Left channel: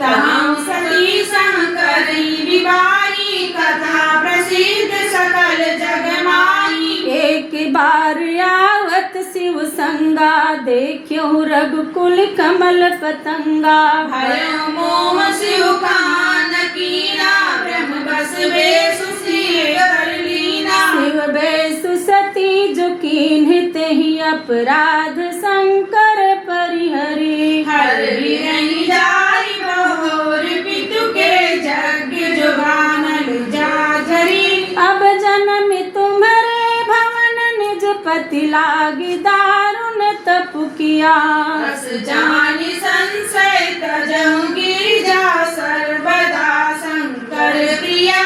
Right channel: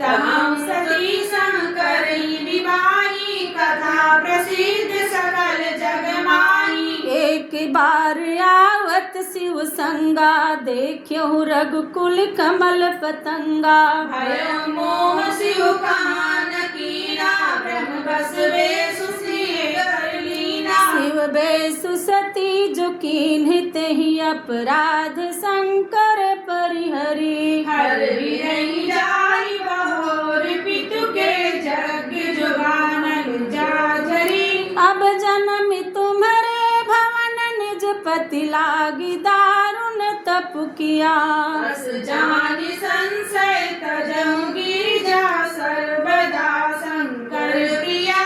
तहं सती शंकरी विवाही कथा प्रसिद्ध सकल जगमाही। एक बार आवत शिव संगा देखियो रघुकुल कमल पतंगा। भयो मोह शिव कान कीना ब्रह्म बस बेसु श्री कर लीना। शिव बेसु सती जो कीन्हित ही अपराध शंकर परिहरी। हर बिरही जाई बहोर पितु के यज्ञ जो गानल जाजरी। अब जन्म तुम्हारे भवन निज पति लागी दारुण तप किया। बस जानि संशय तजहु गिरिजा सर्वदा शंकर प्रिया।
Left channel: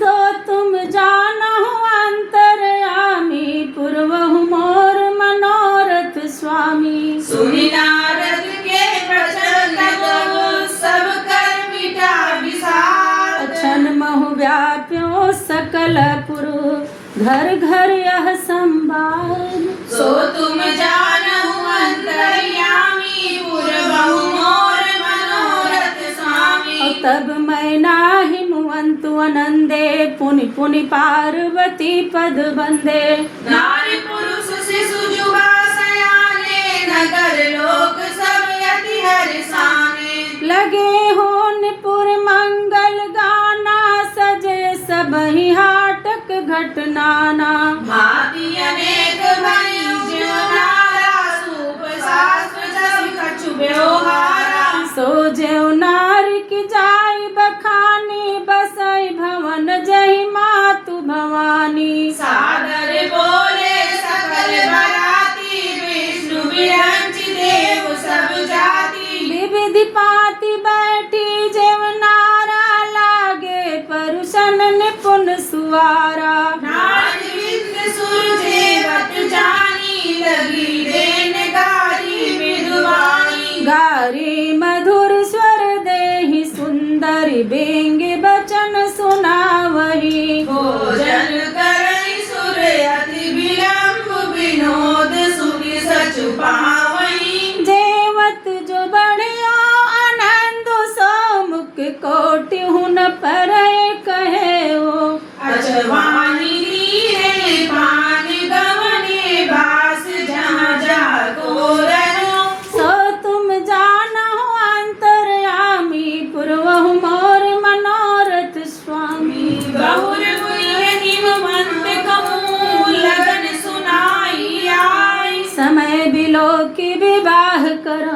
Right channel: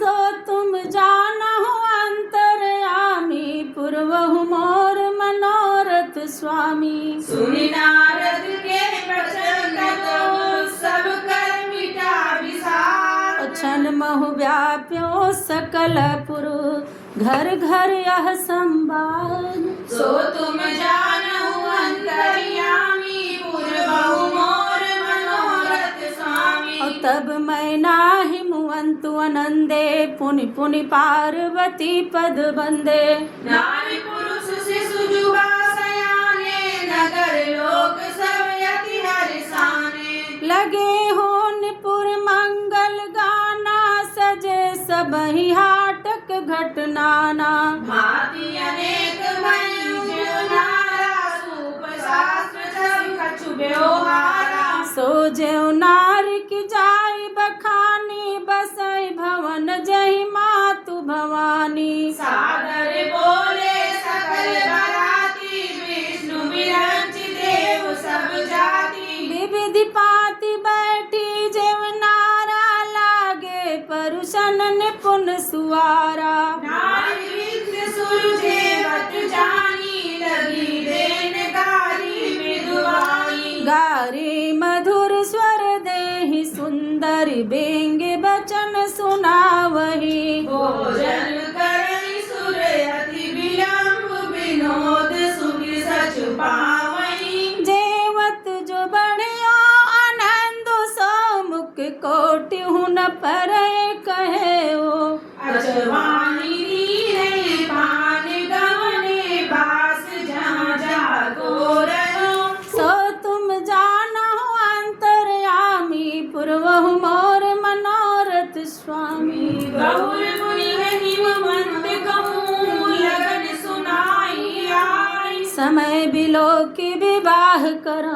तो तुम जानहु अंतर्यामी पूर्वहु मोर मनोरथ स्वामी। सुनि नारद के प्रचंड तपो सब कर मिटा विसार। क्षण महु व्याप्यो सकल पुरु घर घर यह संवाद। सो तुम जानहु अंतर्यामी पूर्वहु मोर मनोरथ स्वामी। और तब मैं नाही मुअंतु अनंदे पुनि पुनि पार्वती पद बंदे। नारी पुरुष शिशु जुगा सयाने नगर लोक सब यति हर्षाने। लगे हो निपुर मंगल गाना सजे सबहि हाटक घटनाना। भांति अनेक भयु जो नारा सूप शास्त्र सब कछु व्यवहारा। सो जेउ नारी की जाय बखानी बसई भवन जहि मातु भवानी। सादर बोले सकल बराती विष्णु विरंचि देव सब जाति। विविधि पाति बैठी जेव नारा लागे परुषन निपुण सुवारा। नारी विद्य सुरजेवत जानी लगी देन गारी मृदुवाणी। गारी मधुर स्वर देहि सुंदर बेंगे बचन सुनावही। भोजन करई सुर अति विलंब विनोद सुनि सचु पावई। जेवत जो बढ़ियो आनंद सो मुख कोटि हुन पर कहे ओ। अजवानी लीने पान गवने बास जहाँ जागो रहो। सो तुम जानहु अंतर्यामी पूर्वहु मोर मनोरथ स्वामी। बहुर मुनि हिमवंत कहूँ लगन सुनाई आई। समय बिलो की विवाह कर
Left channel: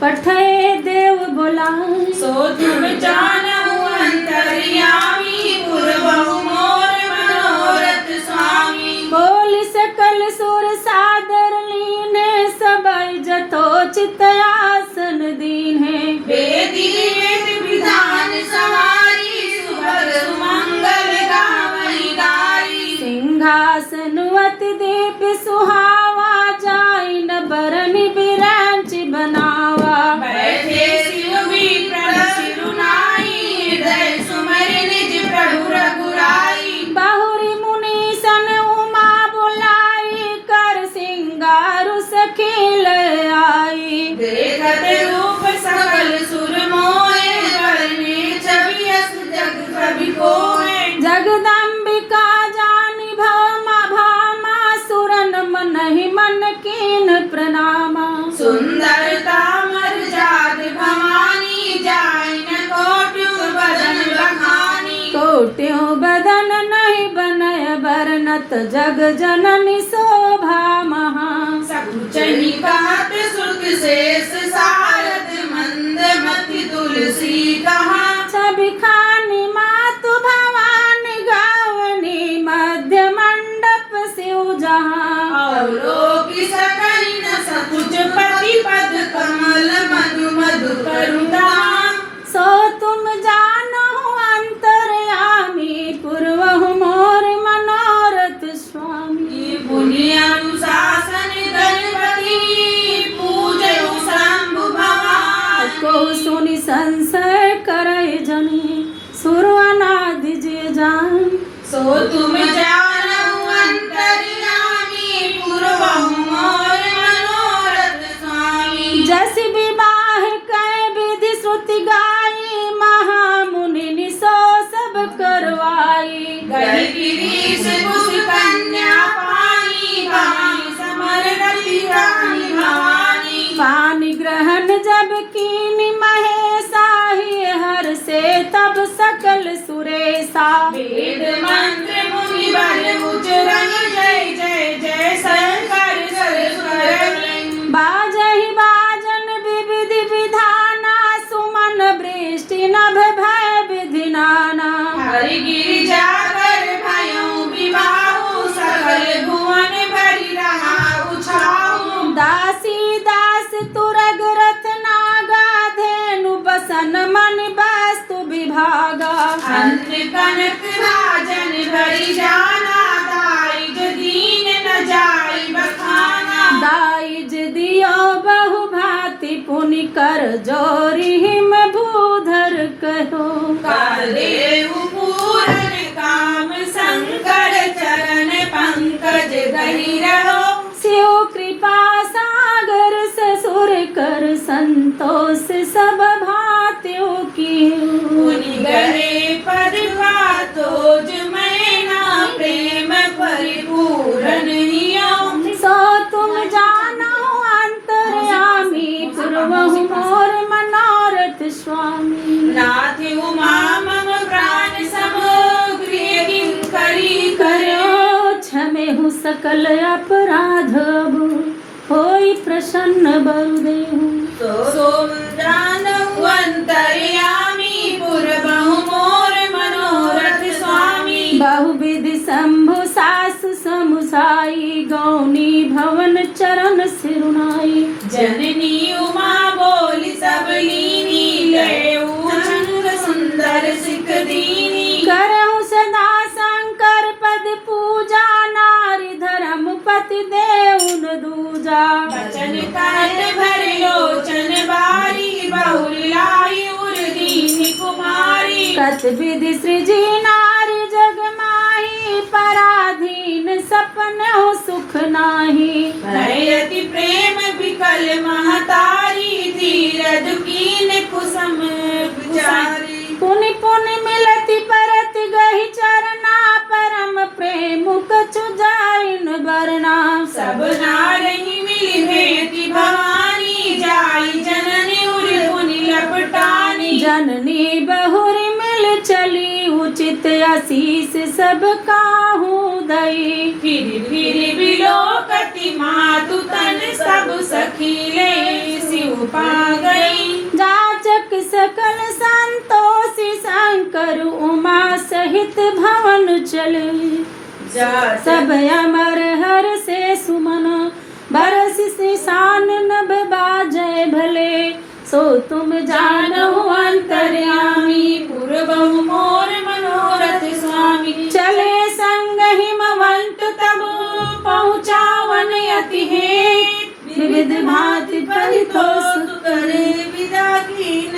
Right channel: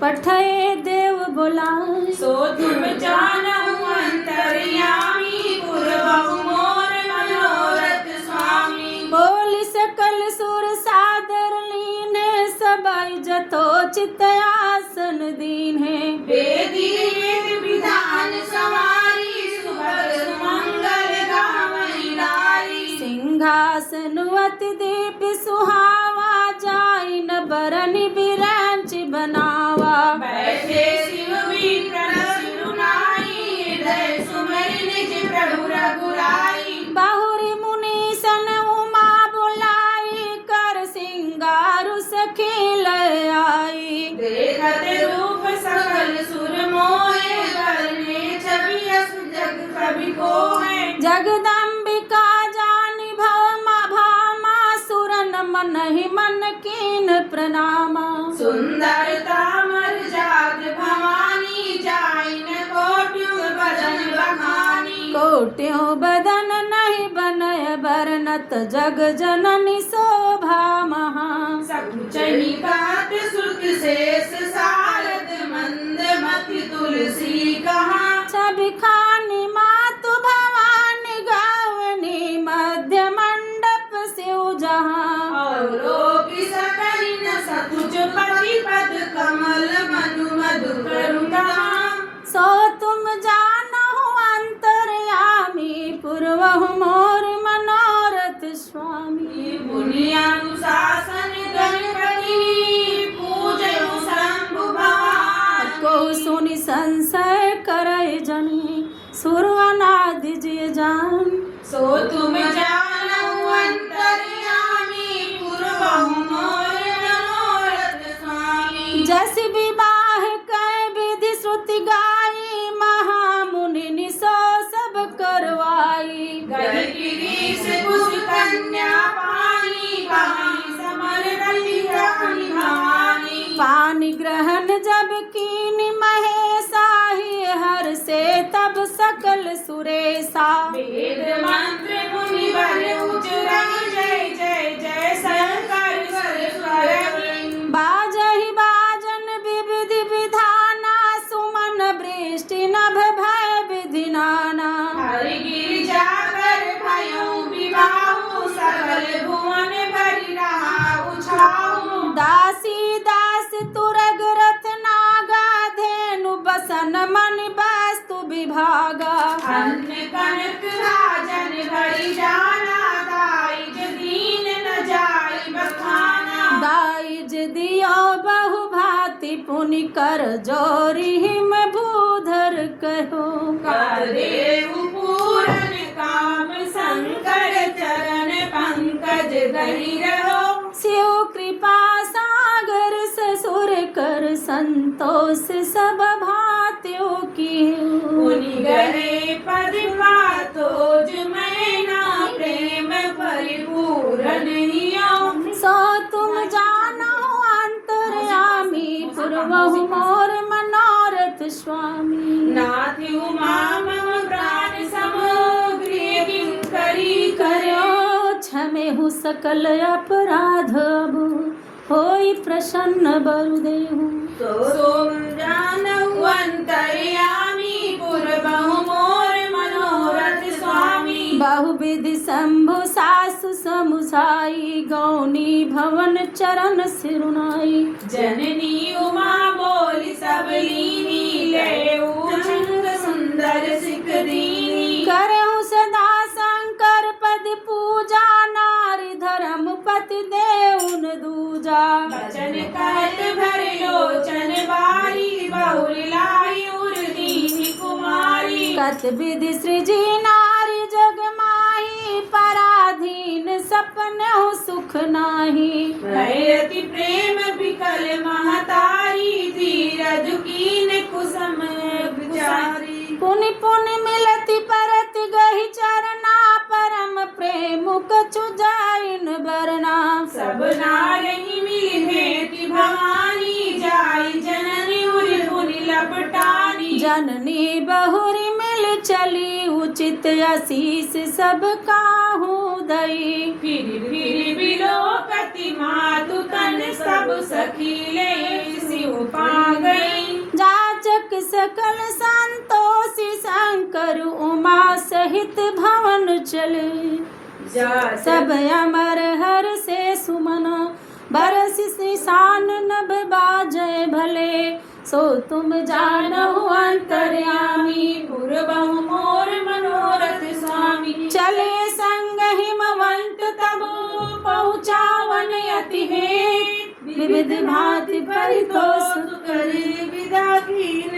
पठे देव बुलाए। सो तुम जानहु अंतर्यामी पूर्वहु मोर मनोरथ स्वामी। बोल सकल सुर सादर लीने सबई जथोचित आसन दीन्हे। वेदी वेद विधान सवारी सुभग सुमंगल गावई गाई। सिंहासन अति दीप सुहावा जाई न बरनि बिरांचि बनावा। बैठे शिव भी सिरुनाई हृदय सुमरि निज प्रभु रघुराई। बाहुरी मुनि सन उमा बुलाई कर सिंगारु सखी लय आई। देखत रूप सकल सुर मोहे बरने छवि अस जग कवि कोहे। जगदम्बिका जानी भौमा भामा सुरन मन ही मन कीन प्रणामा। सुंदरता मर्याद भवानी जाय न कोट्यु बदन बखानी। कोट्यो बदन नहीं बनय बरनत जग जननी शोभा महा। सकुचनि कहत श्रुत शेष सारद मंद मति तुलसी कहा। छवि खानी मातु भवानी गावनी मध्य मंडप शिव जहाँ। अवलोकि सकहि न सकुच पति पद कमल मधु मधु करुणाम। सो तुम जानहु अंतर्यामी पूर्वहु मोर मनोरथ स्वामी। मुनि अनुशासन गणपति पूजयु शंभु भगवान। को सुनि संशय करय जनी शीश कुश कन्या पानी पानी समर रति रानी भवानी। पानी ग्रहण जब कीनी महेशा ही हर से तब सकल सुरेशा। वेद मंत्र मुनि बल उच्चारण जय जय जय शंकर शंकर। बाजहि बाजन विविधि विधाना सुमन वृष्टि नभ भय विधि नाना। हरि गिरिजा कर भयउ विवाहु सकल भुवन भरि रहा उछाहु। दासी दास तुरग रथ नागा धेनु बसन मन वस्तु विभागा। अन्न कनक राजन भरि जाना दाइज दीन न जाई बखाना। दाइज दियो बहु भांति पुनि कर जोरी हिम भूधर कहो। कर देहु पूरन काम शंकर चरण पंकज गहि रहो। शिव कृपा सागर ससुर कर संतोष सब भांतियों की। मुनि गहे पद पातोज मैना प्रेम परिपूरन हियो। सो तुम जानो अंतर्यामी पूर्वहु मोर मनोरथ स्वामी। नाथ उमा मम प्राण समग्री किंकरी करो। करो क्षमेहु सकल अपराध होई प्रसन्न बरुदेहु। सो जानहु अंतर्यामी पूर्वहु मोर मनोरथ स्वामी। बहुविधि शंभु सासु समुसाई गौनी भवन चरण सिरुनाई। जननी उमा बोली सब लीनी लेऊ छंद सुंदर सिख दीनी। करहु सदा शंकर पद पूजा नारी धर्म पति देउन दूजा। बचन काट भर लोचन बारी बहुरी लाई उर दीनी कुमारी। तत विधि सृजी नारी जग माही पराधीन सपन हो सुख नाही। भयति प्रेम विकल महतारी धीरज कीन कुसुम विचारी। पुनि पुनि मिलति परत गहि चरना परम प्रेम कछु जाइन बरना। सब नारही मिली भेंटी भवानी जाई जननी उर मुनि लपटानी। जननी बहुरी मिल चली उचित आशीष सब काहू दई। फिर बिलोकति मातु तन सब सखीले शिव पा गई। जाचक सकल संतोषी शंकर उमा सहित भवन चले। सब अमर हर से सुमन बरस से शान नभ बाजय भले। सो तुम जानहु अंतर्यामी पूर्वहु मोर मनोरथ स्वामी। चले संग हिमवंत तब पहुँचावन अति हेत। विविध भांति परितोष करे विदा कीन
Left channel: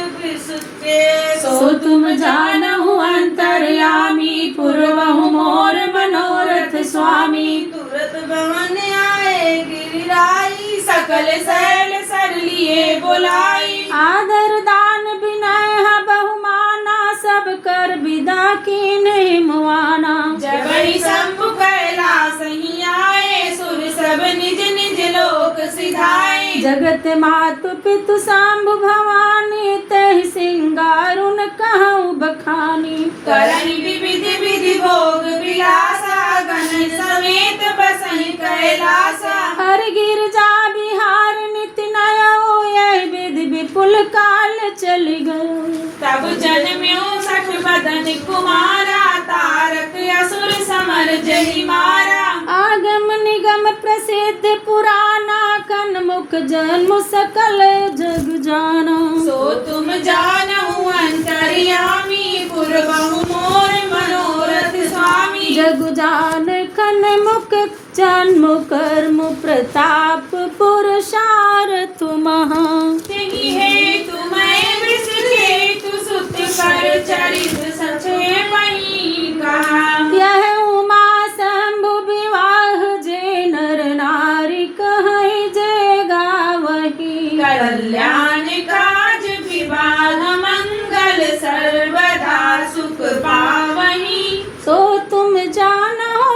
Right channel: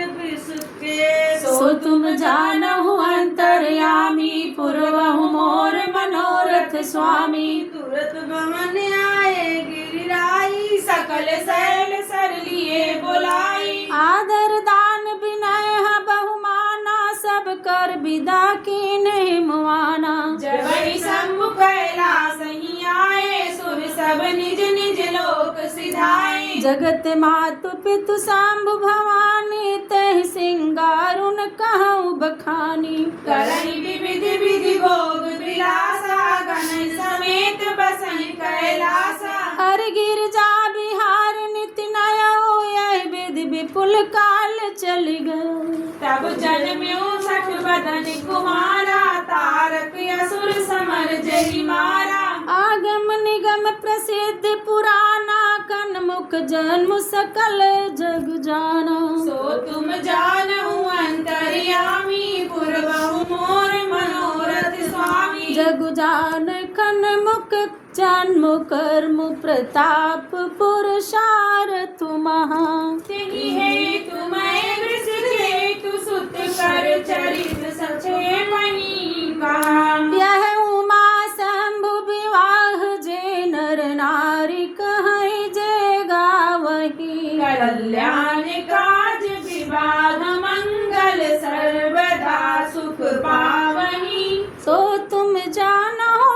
के। सो तुम जानहु अंतर्यामी पूर्वहु मोर मनोरथ स्वामी। तुरत भवन आए गिरिराई सकल शैल सर लिए बोलाई। आदर दान विनय बहुमाना सब कर विदा कीन्हे मुआना। जबहि शंभु कैलास ही आए सुर सब निज निज लोक सिधाए। जगत मातु पितु शांभु भवानी तहि सिंगारुन कहु बखानी। करहि विविधि विधि भोग विलासा गण समेत बसहि कैलासा। हर गिरजा बिहार निति नयो यही विधि विपुल काल चली गयो। तब जन्म्यो सठ बदन कुमारा तारक असुर समर जहि मारा। आगम निगम प्रसिद्ध पुराना कनमुख जन्म सकल जग जाना। सो तुम जानहु अंतर्यामी पूर्वहु मोर मनोरथ स्वामी। जग जान कनमुख जन्म कर्म प्रताप पुरुषार्थ महा। तेहि हेतु मैं वृष केतु सुत कर चरित संक्षेपहि कहा। यह उमा शंभु विवाह जे नर नारी कहि जे गावही। कल्याण काज विवाह मंगल सर्वदा सुख पावहि। सो तुम जानो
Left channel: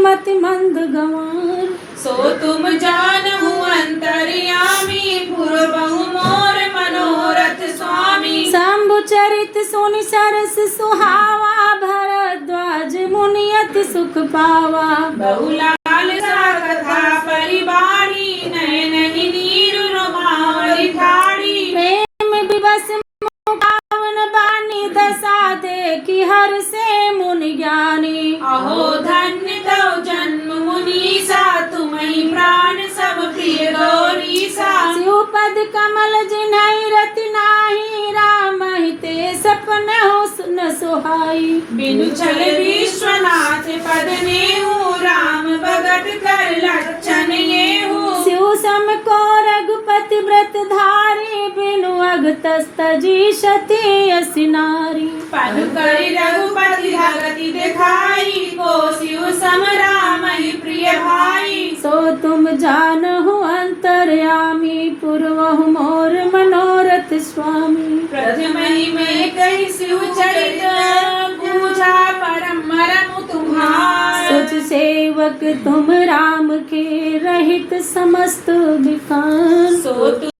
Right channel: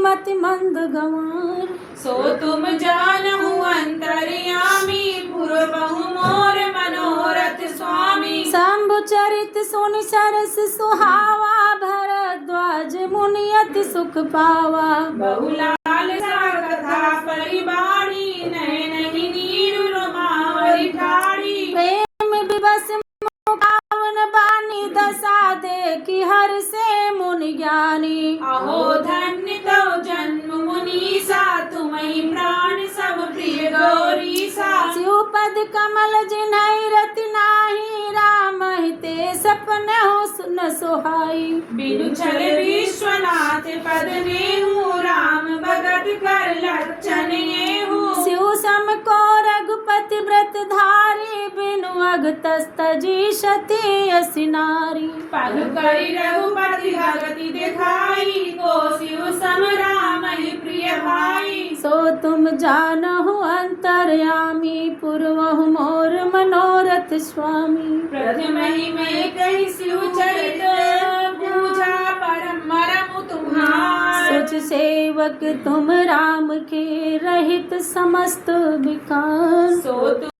मति मंद गंवार। सो तुम जानहु अंतर्यामी पूर्वहु मोर मनोरथ स्वामी। शंभु चरित सुनि सरस सुहावा भरद्वाज मुनि अति सुख पावा। बहुलाल सा कथा परिबाणी नयन ही नीरु रोमावरी ठाड़ी। प्रेम विवश मुखावन बानी दशा देखी हर से मुनि ज्ञानी। अहो धन्य तव जन्म मुनीसा तुम्हि प्राण सब प्रिय गौरीसा। शिवपद कमल जिन्है रति नाही राम हिते सपन हो सुन सोहाई। बिनु छल विश्वनाथ पद नेहु राम भगत कर लक्षण येहु। शिव सम को रघुपति व्रत धारी बिनु अगतस तजी सती असि नारी। पद करि रघुपति भगति दिखाई को शिव सम राम ही प्रिय भाई। सो तुम जानहु अंतर्यामी पूर्वहु मोर मनोरथ स्वामी। प्रथम ही में कही शिव चरित पूजा परम मरम तुम्हार। सच सेवक तुम राम के रहित समस्त विकार। सो